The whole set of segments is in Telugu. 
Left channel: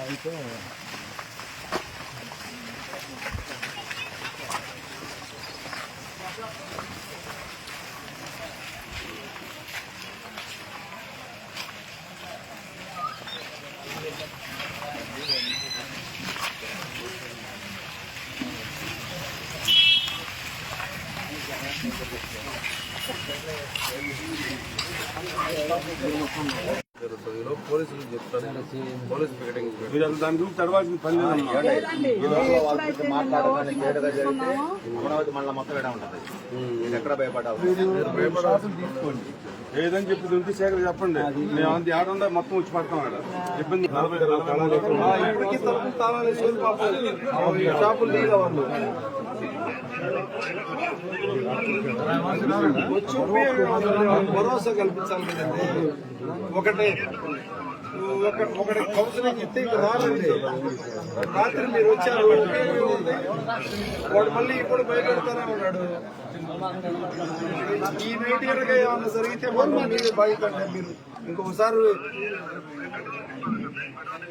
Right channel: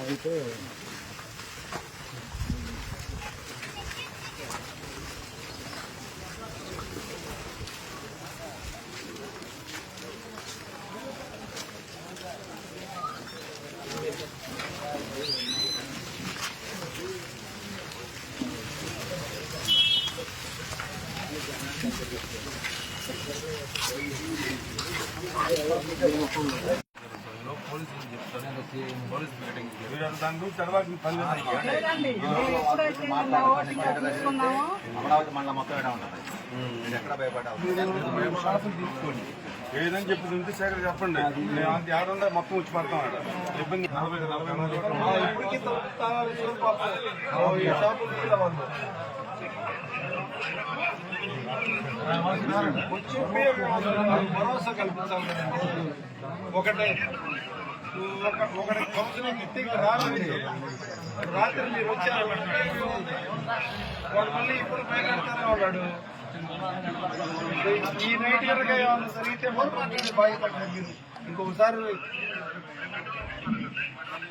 అయితే జరుగుతుంది పోలీసులు చెప్తాను పోలీస్ మీటింగ్ దాని గురించి తర్వాత పని అమరావతి మళ్ళీ మొత్తం ఉంటుంది ఎక్కడ ఏదని చెప్పి ఉంటే చెప్పండి. మేము మొత్తం వచ్చి పడతాం ఆడ ఇబ్బంది ఇప్పటికీ తలుపులు తాళాలు షాపులు నీళ్ళ వాళ్ళు వచ్చి ఉపయోగం భరోసా కల్పించాలి కదండి. ఒకటే ఒక ఒకటి కౌన్సిలింగ్ ఇస్తే ఇక్కడ రాలేదు రాత్రి మీరు వచ్చారు ఉంది? వాడు మళ్ళీ ఇప్పుడు భయపెడతానే ఉన్నాడు. ఈ నైట్ కనుక ఏమన్నా జరిగితే మొత్తం మీరు బాధ్యత మీరు. ఇంకొకసారి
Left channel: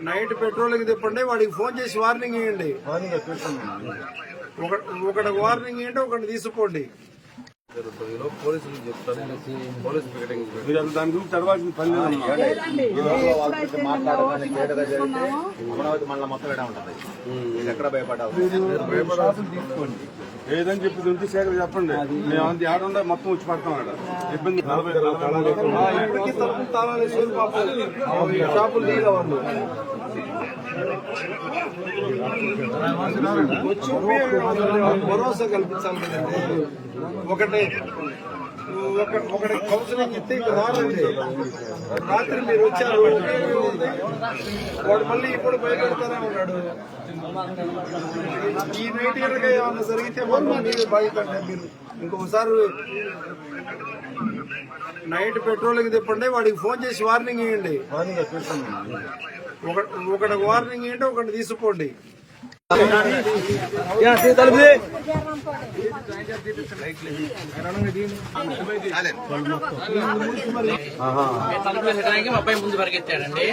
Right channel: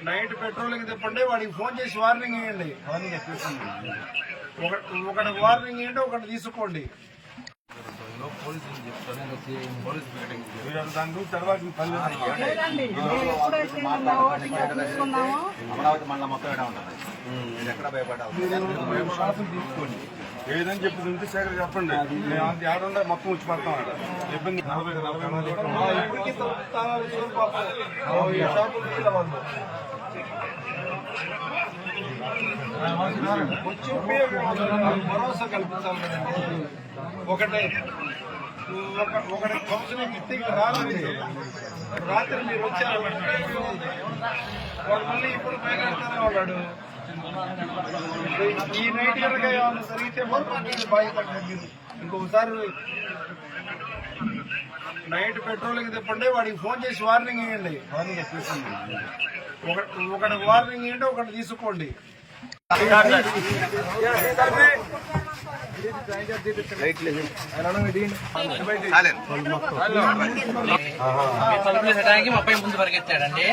నైట్ పెట్రోలింగ్ తిప్పండి వాడికి ఫోన్ చేసి వార్నింగ్ ఇవ్వండి ఒక- ఒకటి వార్నింగ్ ఇవ్వండి ఒకటి తీసుకోండి. అమరావతి మళ్ళీ మొత్తం ఉంటుంది? ఎక్కడ భయపడ్డావు? ఏదని చెప్పి ఉంటే సేకరి చెప్పండి. మేము అంత ఏడుందా మొత్తం వచ్చి పడతాం ఆడ. ఇబ్బంది ఇప్పటికీ తాళాలు షాపులు నీళ్ళ వాళ్ళు. వచ్చి భరోసా కల్పించాలి కదండి ఒకటే. ఒక ఒకటి కౌన్సిలింగ్ ఇస్తే రాలండి రాత్రి మీరు వచ్చారు వాడు మళ్ళీ ఇప్పుడు భయపెడతానే ఉన్నాడు. ఈ నైట్ కనుక ఏమన్నా జరిగితే మొత్తం మీదే బాధ్యత అంటే మీరు ఇంకొకసారి నైట్ పెట్రోలింగ్ తిప్పండి వాడికి ఫోన్ చేసి వార్నింగ్ ఇవ్వండి ఒక- ఒకటి వార్నింగ్ ఇవ్వండి ఒకటి తీసుకోండి. తలుపు వేసడానికి మా ముందు పరిగెత్తాడండి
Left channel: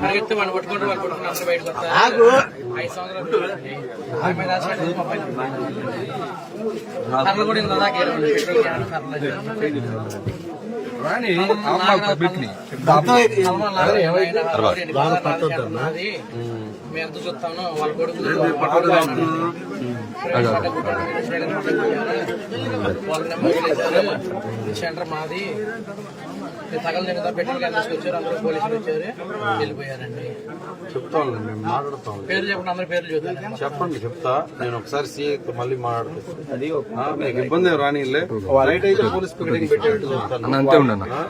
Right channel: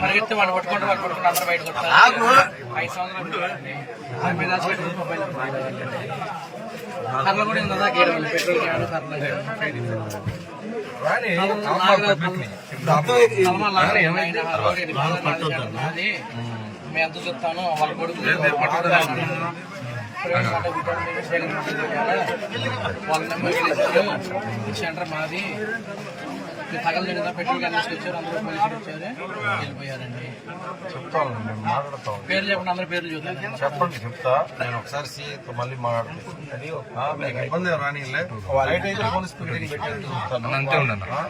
పరిగెత్తి వాడిని పట్టుకుంటూ వాడు పట్టుకుంటూ అందరూ బయటకు వస్తారు ఐదు సంవత్సరాలు పిల్లలండి. కూడా ఇందాక ఏడు వందలు పెట్టి ఏడు మేము ఎంత చూస్తాను వాళ్ళ కొడుకు మొగిలేశారు. సెంటర్ మాది పెట్రోల్ అందరూ పోలీసులు వచ్చారు వెళ్ళిపోయారండి. చెప్తాను మేము మాట్లాడతాం పేర్లు చెప్పండి అందరి పేర్లు చూద్దాం చెప్పండి చెప్తా. నేను ఒకసారి సీఏతో మళ్ళీ మాట్లాడతాను మీకు ఇబ్బంది రానిలే నైట్ అయితే పోలీస్ పికెటింగ్ పెట్టేటట్టు చూస్తాను. ఆ?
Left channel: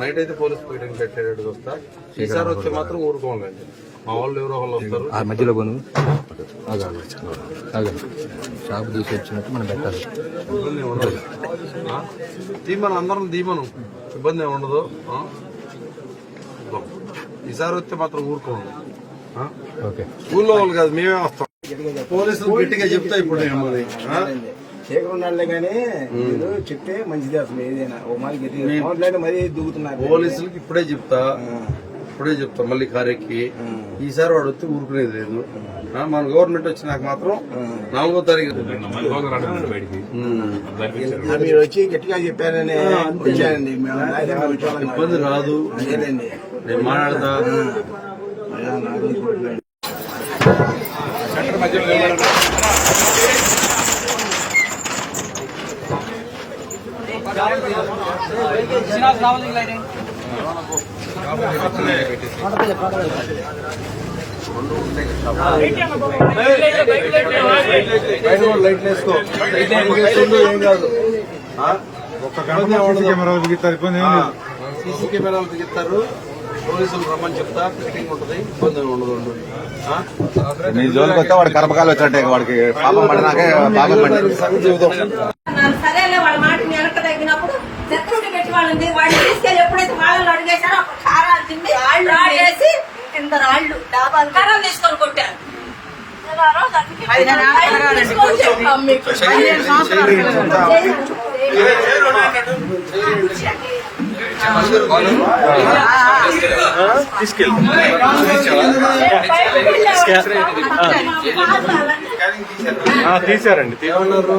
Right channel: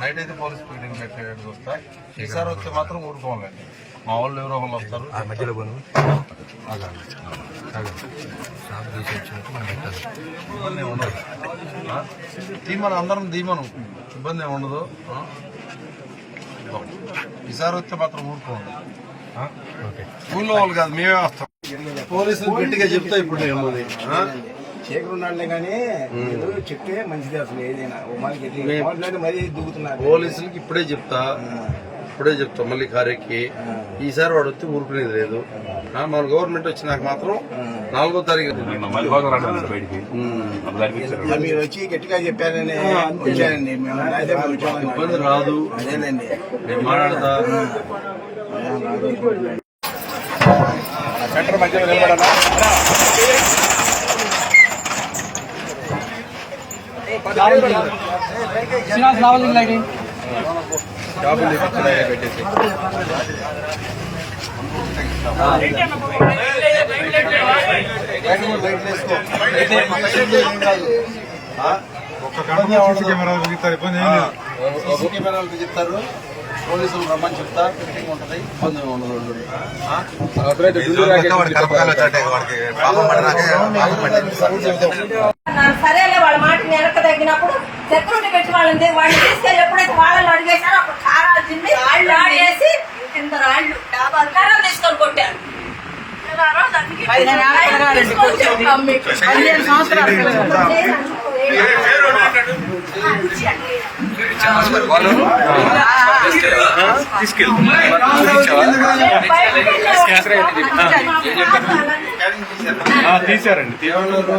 నైట్ అయితే పోలీస్ పికెటింగ్ పెట్టేటట్టు చూస్తా. ఈసారి వస్తే మాత్రం ఊరుకోవాలండి మా వాళ్ళు ఎవరో వాళ్ళు వస్తారు. మధ్యలో కొను షాప్ తీసి వచ్చినట్టు మనం పెట్టాలి ఇబ్బంది ఏమి ఉండదు. ఆ? తీమను అందరం దీమను ఇబ్బంది ఏమి ఉండదు. ఈసారి వస్తే మాత్రం ఊరుకోండి. ఊళ్ళో వాళ్ళు కాదు మేమే వస్తాం. పోలీసులు గట్టిగా చెప్తా ఇప్పుడు నేను ఉన్నాడులే కానీ చెప్తే మంచిది అసలు ఏదైనా. ఓ మరి గట్టిగా మరీ దిగుతున్నారు పోలీసులకి ఇప్పుడే చెప్తా. ఇప్పుడే చెప్తా మళ్ళీ కారెక్కి ఈసారి వాడు వచ్చి ఊరుకునేది లేదు. మన గవర్నమెంట్ వచ్చినాక మాత్రం నాలుగో తారీఖు. మీరు వచ్చి గట్టిగా చెప్పారని. ఇబ్బంది రాదు. నేను మాట్లాడతా. అయ్యా, నాకు లైట్ వేసుకో ఏం కాదు సీసీ కెమెరాలు బిగిస్తారు పోలీసులు రమ్మని చెప్తా ఫిట్టింగ్ ఉంటది ఇబ్బంది ఉండదు వాడికి ఐదో తారీఖు అన్నారు. సరేలే వాళ్ళ మాట వెనక తగ్గినప్పుడు సెక్యూరిటీ పెట్టి వాళ్ళని వాళ్ళని తీసుకెళ్ళి ఎప్పుడైతే వాళ్ళని అడిగేశారో అప్పుడు కారాలు తిండి రాళ్ళు వేసి కింద రాళ్ళు తీసుకొని కొట్టారు. తీసారండి ఏమన్నారు?